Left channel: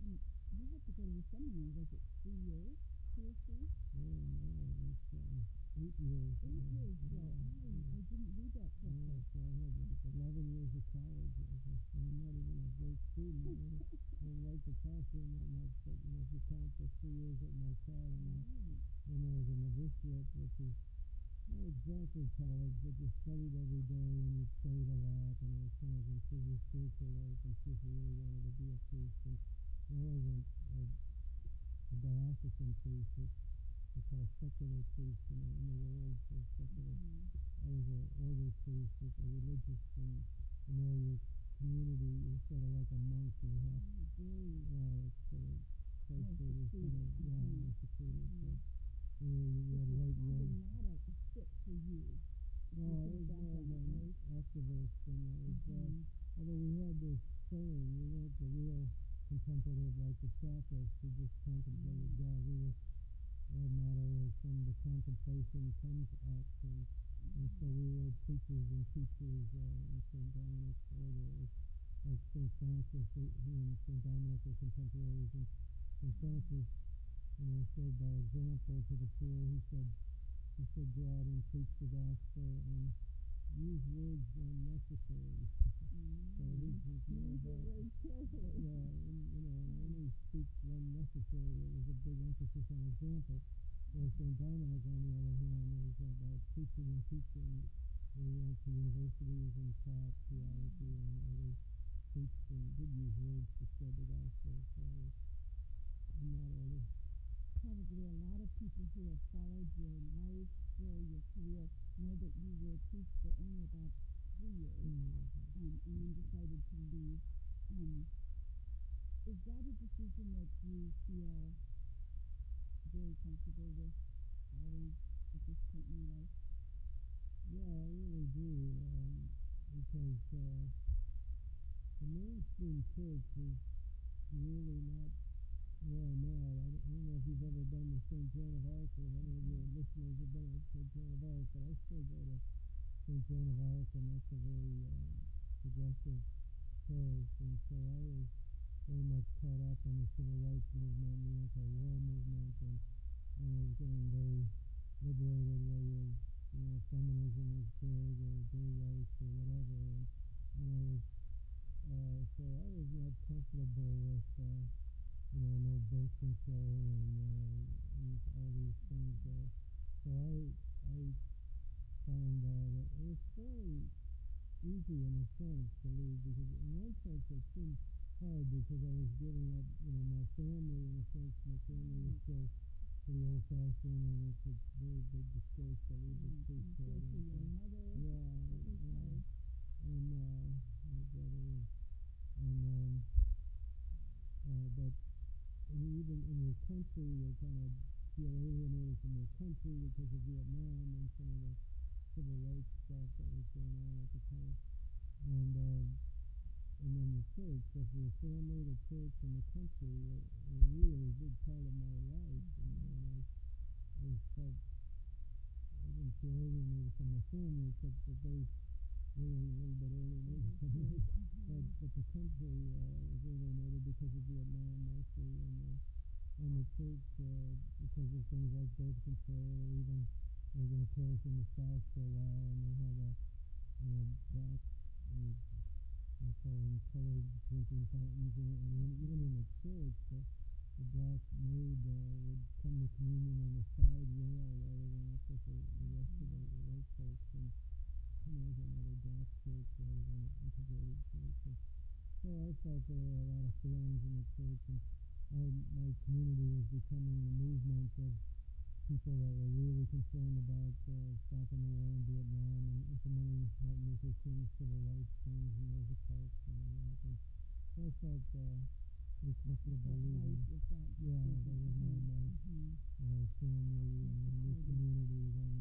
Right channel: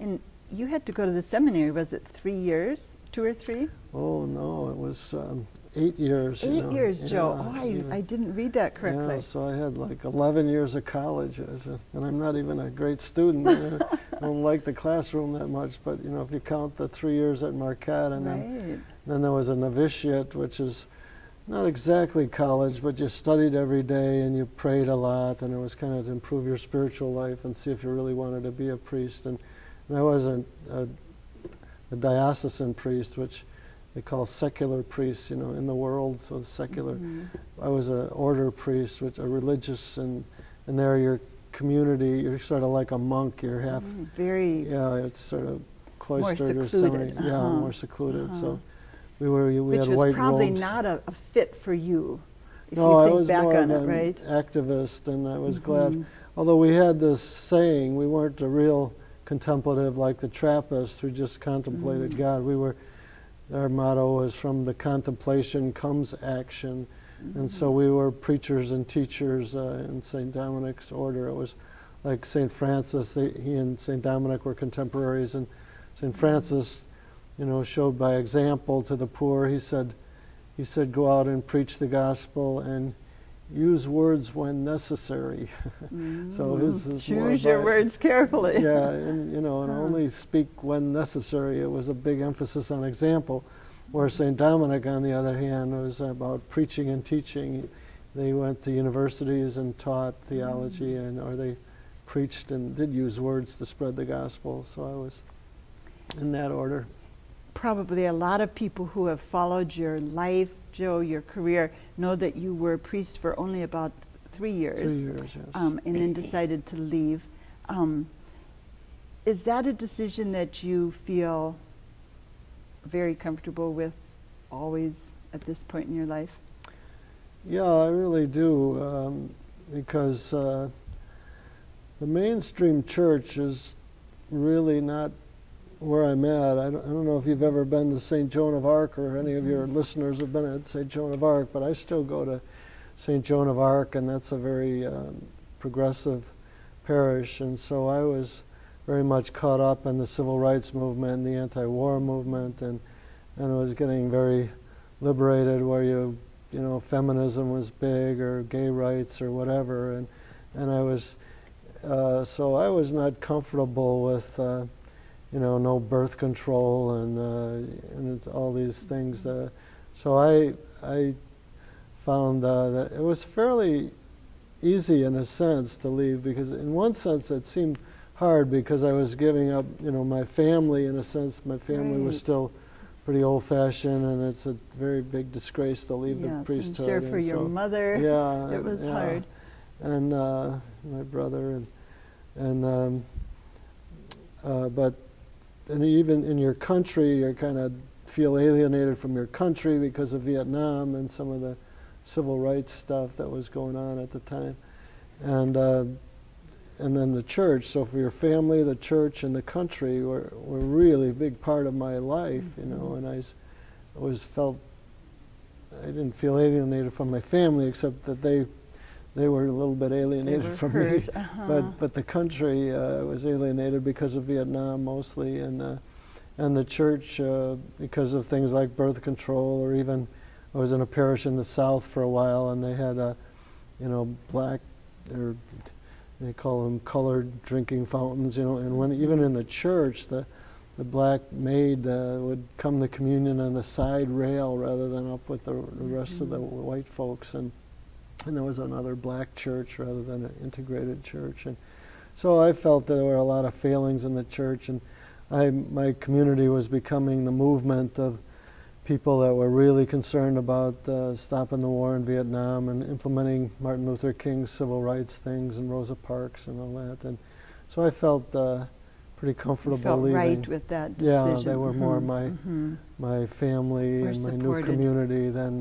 And you had to go to the seminary, was it 3 years, 2 or 3? Oh no, it was 8 years. 8 years, Joe. Yeah, Oh, I didn't read that correctly. Yeah, so I had like 11 years of college, and I'm not even a great student. I don't like the classroom that much, but you know, if you count the 3 years at Marquette, and then there was a novitiate, which is not exactly college, but you studied every day and you prayed a lot, and it was kind of to improve your spiritual life and see if you really wanted to be a priest. And I wasn't a diocesan priest, which they call secular priests, you know, in the world, so secular. I was an order priest, which are religious, and there your community, you're sort of like a monk, you're half, yeah, it's sort of cloistered or semi, yeah, more secluded. So we Which had was white probably robes. not a fit for you, if No, you I think was back more on of it, an right? activist, and I was glad. Although we had this saying, we weren't a real contemplative like the Trappists who just contemplated God. Our motto was, from the contemplation comes action. And so we were preachers and teachers in St. Dominic's order. It was like St. Francis, he and St. Dominic were contemporaries, and St. Francis, you know, showed by example to the poor. He said, go out and preach the gospel and use words when necessary. So his choose your words carefully. Yeah, and you know, and only speak when necessary. It was a big emphasis on example. Where St. Dominic, on the other hand, was about preaching and teaching. They went to universities and taught theology, or they preached and did use words to spread the gospel. So I was in that order. Probably a lot of people who have followed your life, Joe, your career, know that you were a priest for only about 3 years. 3 years, yes. And then decided to leave. Is that a decision that you feel very comfortable with always at this point in your life? Yeah, I really do, because the mainstream church is really not where I'm at. I don't know if you've ever been to St. Joan of Arc, or any of your listeners have been at St. Joan of Arc, but I still go to St. Joan of Arc, and that's a very progressive parish. And so I was very much caught up in the civil rights movement, the anti-war movement, and I was getting very liberated, where you know, feminism was big, or gay rights, or whatever, and I was so I was not comfortable with you know, no birth control and it's all these things. So I found that it was fairly easy in a sense to leave, because in one sense it seemed hard because I was giving up, you know, my family. In a sense, my family was still pretty old-fashioned, and it's a very big disgrace to leave the priesthood. I'm sure for your mother, it was hard. And my brother, but even in your country, you kind of feel alienated from your country because of Vietnam and some of the civil rights stuff that was going on at the time, and then the church. So for your family, the church, and the country were really a big part of my life, you know. And I always felt I didn't feel alienated from my family, except that they were a little bit alienated from me. But the country was alienated because of Vietnam mostly, and the church because of things like birth control, or even I was in a parish in the South for a while, and they had you know, black, or they call them colored drinking fountains, you know. And when even in the church, the black maid would come to communion on the side rail rather than up with the rest of the white folks, and there was another black church rather than an integrated church. And so I felt that there were a lot of failings in the church, and my community was becoming the movement of people that were really concerned about stopping the war in Vietnam and implementing Martin Luther King's civil rights things and Rosa Parks and all that. And so I felt pretty comfortable leaving. Right with that decision. Yeah, they were more my family and my new community than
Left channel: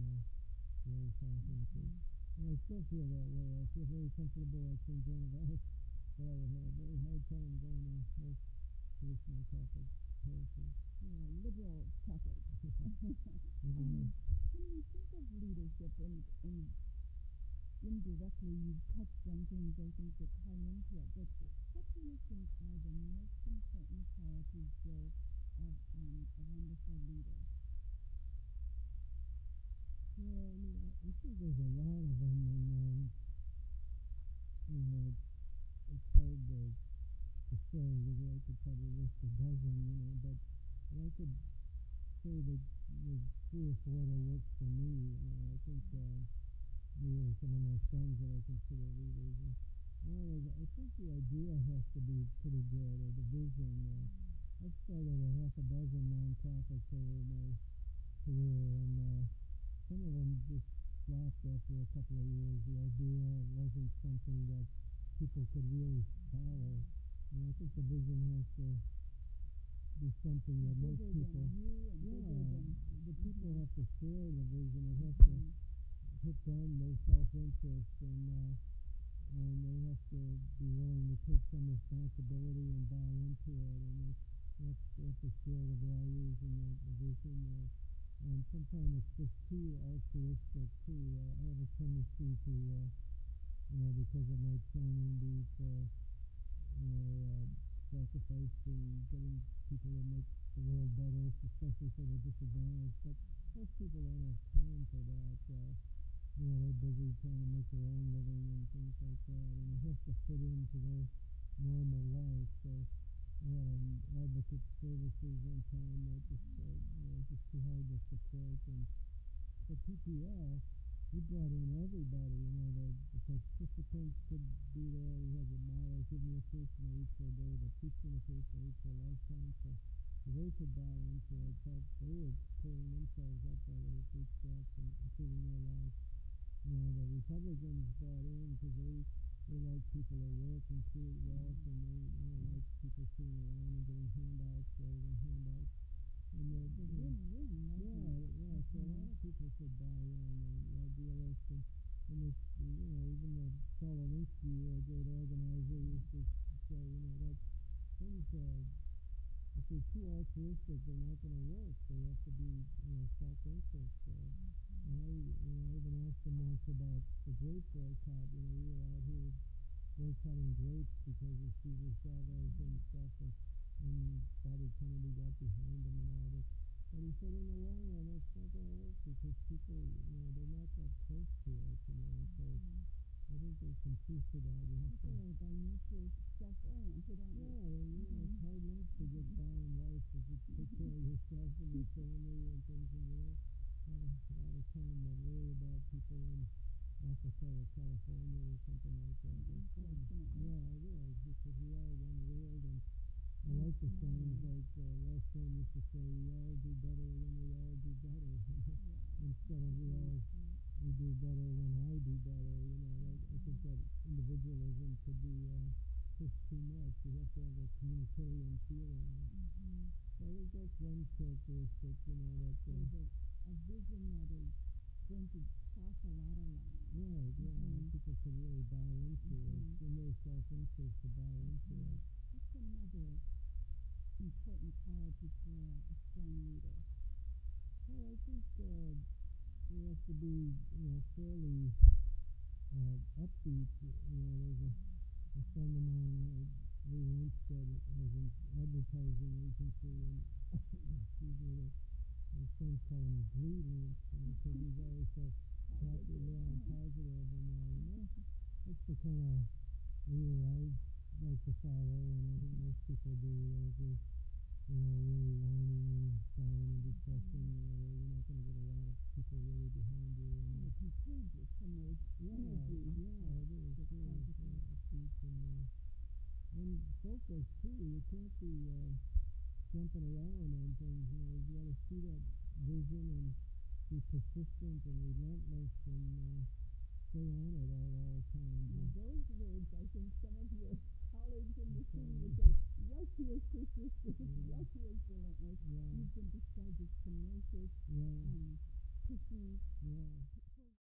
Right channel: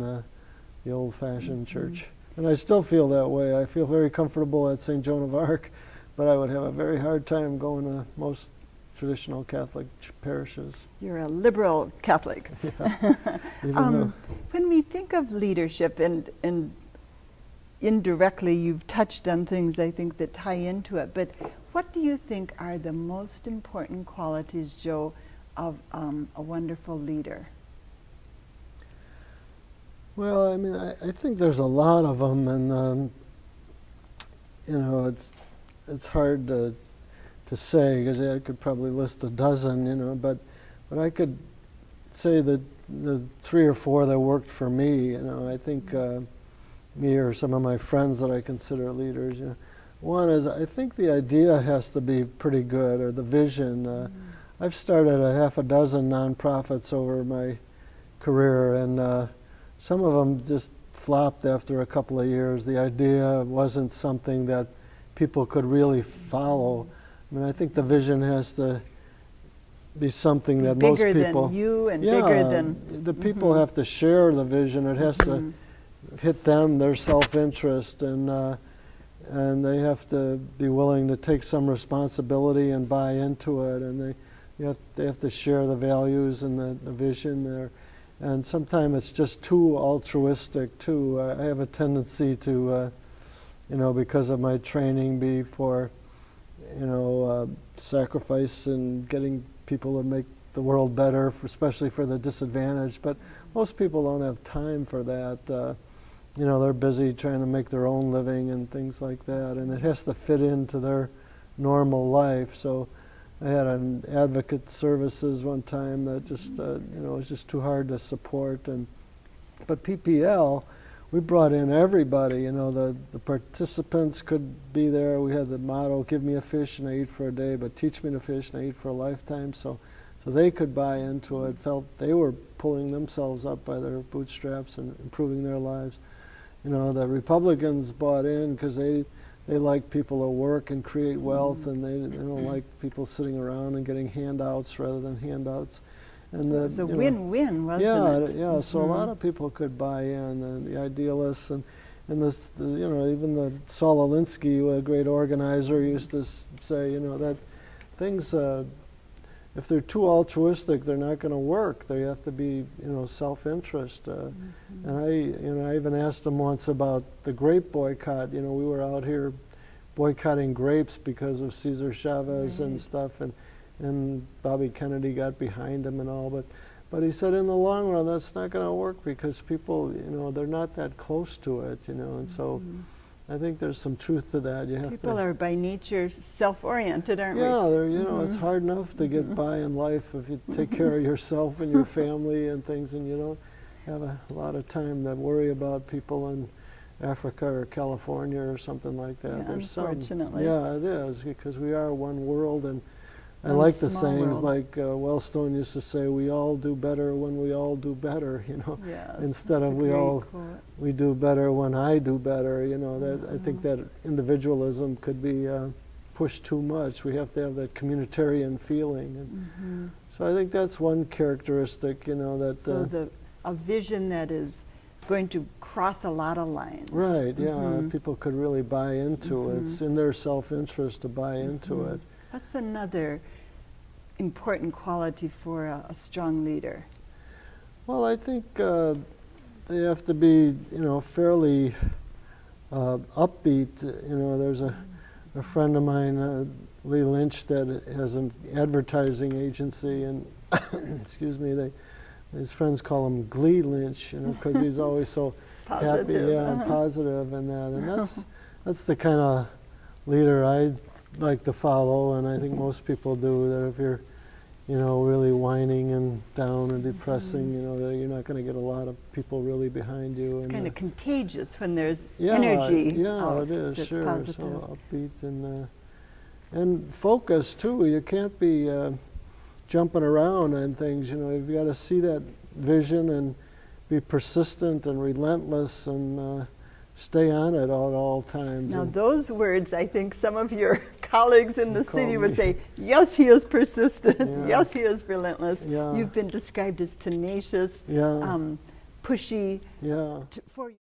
the old-fashioned church. And I still feel that way. I feel very comfortable at St. Joan of Arc, but I would have a very hard time going to most traditional Catholic parishes. You're a liberal Catholic. Yeah. When we think of leadership, and indirectly you've touched on things I think that tie into it, but What do you think are the most important qualities, Joe, of a wonderful leader? Well, I mean, I think there's a lot of them, and you know, it's hard to say, because I could probably list a dozen, you know, but I could say that the 3 or 4 that worked for me, you know, I think me or some of my friends that I consider leaders, you know, one is, I think the idea has to be pretty good, or the vision. I've started a half a dozen nonprofits over my career, and some of them just flopped after a couple of years. The idea wasn't something that people could really follow. I mean, I think the vision has to be something that most people... Bigger than you and bigger than... the people have to share the vision. It has to hit them, their self-interest, and they have to be willing to take some responsibility and buy into it, and they have to share the values and the vision there. And sometimes it's just too altruistic too. I have a tendency to, you know, because of my training, be for, you know, sacrifice and getting people to make the world better, especially for the disadvantaged. But most people don't have time for that. You know, they're busy trying to make their own living and things like that, and it has to fit into their normal life. So I had an advocate services one time that just, you know, it was just too hard to support. But PPL, we brought in everybody. You know, the participants could be there. We had the motto, give me a fish and I eat for a day, but teach me to fish and I eat for a lifetime. So they could buy into it, felt they were pulling themselves up by their bootstraps and improving their lives. You know, the Republicans bought in because they like people to work and create wealth, and they don't like people sitting around and getting handouts rather than handouts. And so it was a win-win, wasn't it? Yeah. So a lot of people could buy in, and the idealists, and this, you know, even the Saul Alinsky, a great organizer, used to say, you know, that things, if they're too altruistic, they're not going to work. They have to be, you know, self-interest. And I even asked them once about the grape boycott. You know, we were out here boycotting grapes because of Cesar Chavez and stuff, and Bobby Kennedy got behind him and all. But he said, in the long run, that's not going to work because people, you know, they're not that close to it, you know, and so. I think there's some truth to that. People are by nature self-oriented, aren't we? Yeah, you know, it's hard enough to get by in life if you take care of yourself and your family and things, and you don't have a lot of time to worry about people in Africa or California or something like that. Yeah, unfortunately. Yeah, it is, because we are one world, and I like the sayings like Wellstone used to say, we all do better when we all do better, you know, instead of we do better when I do better, you know. That I think that individualism could be pushed too much. We have to have that communitarian feeling. And so I think that's one characteristic, you know, that... So a vision that is going to cross a lot of lines. Right, yeah, people could really buy into it. It's in their self-interest to buy into it. What's another important quality for a strong leader? Well, I think they have to be, you know, fairly upbeat. You know, there's a friend of mine, Lee Lynch, that has an advertising agency, and excuse me, his friends call him Glee Lynch, you know, because he's always so happy, and positive, and that, and that's the kind of leader I like to follow, and I think most people do. That if you're, you know, really whining and down and depressing, you know, that you're not going to get a lot of people really behind you. It's kind of contagious when there's energy. Yeah, it is, that's sure. positive. So upbeat and focused too. You can't be jumping around and things. You know, you've got to see that vision and be persistent and relentless and stay on it at all times. Now those words, I think some of your colleagues in the city would say, yes, he is persistent, yes, he is relentless. You've been described as tenacious, pushy. Yeah. For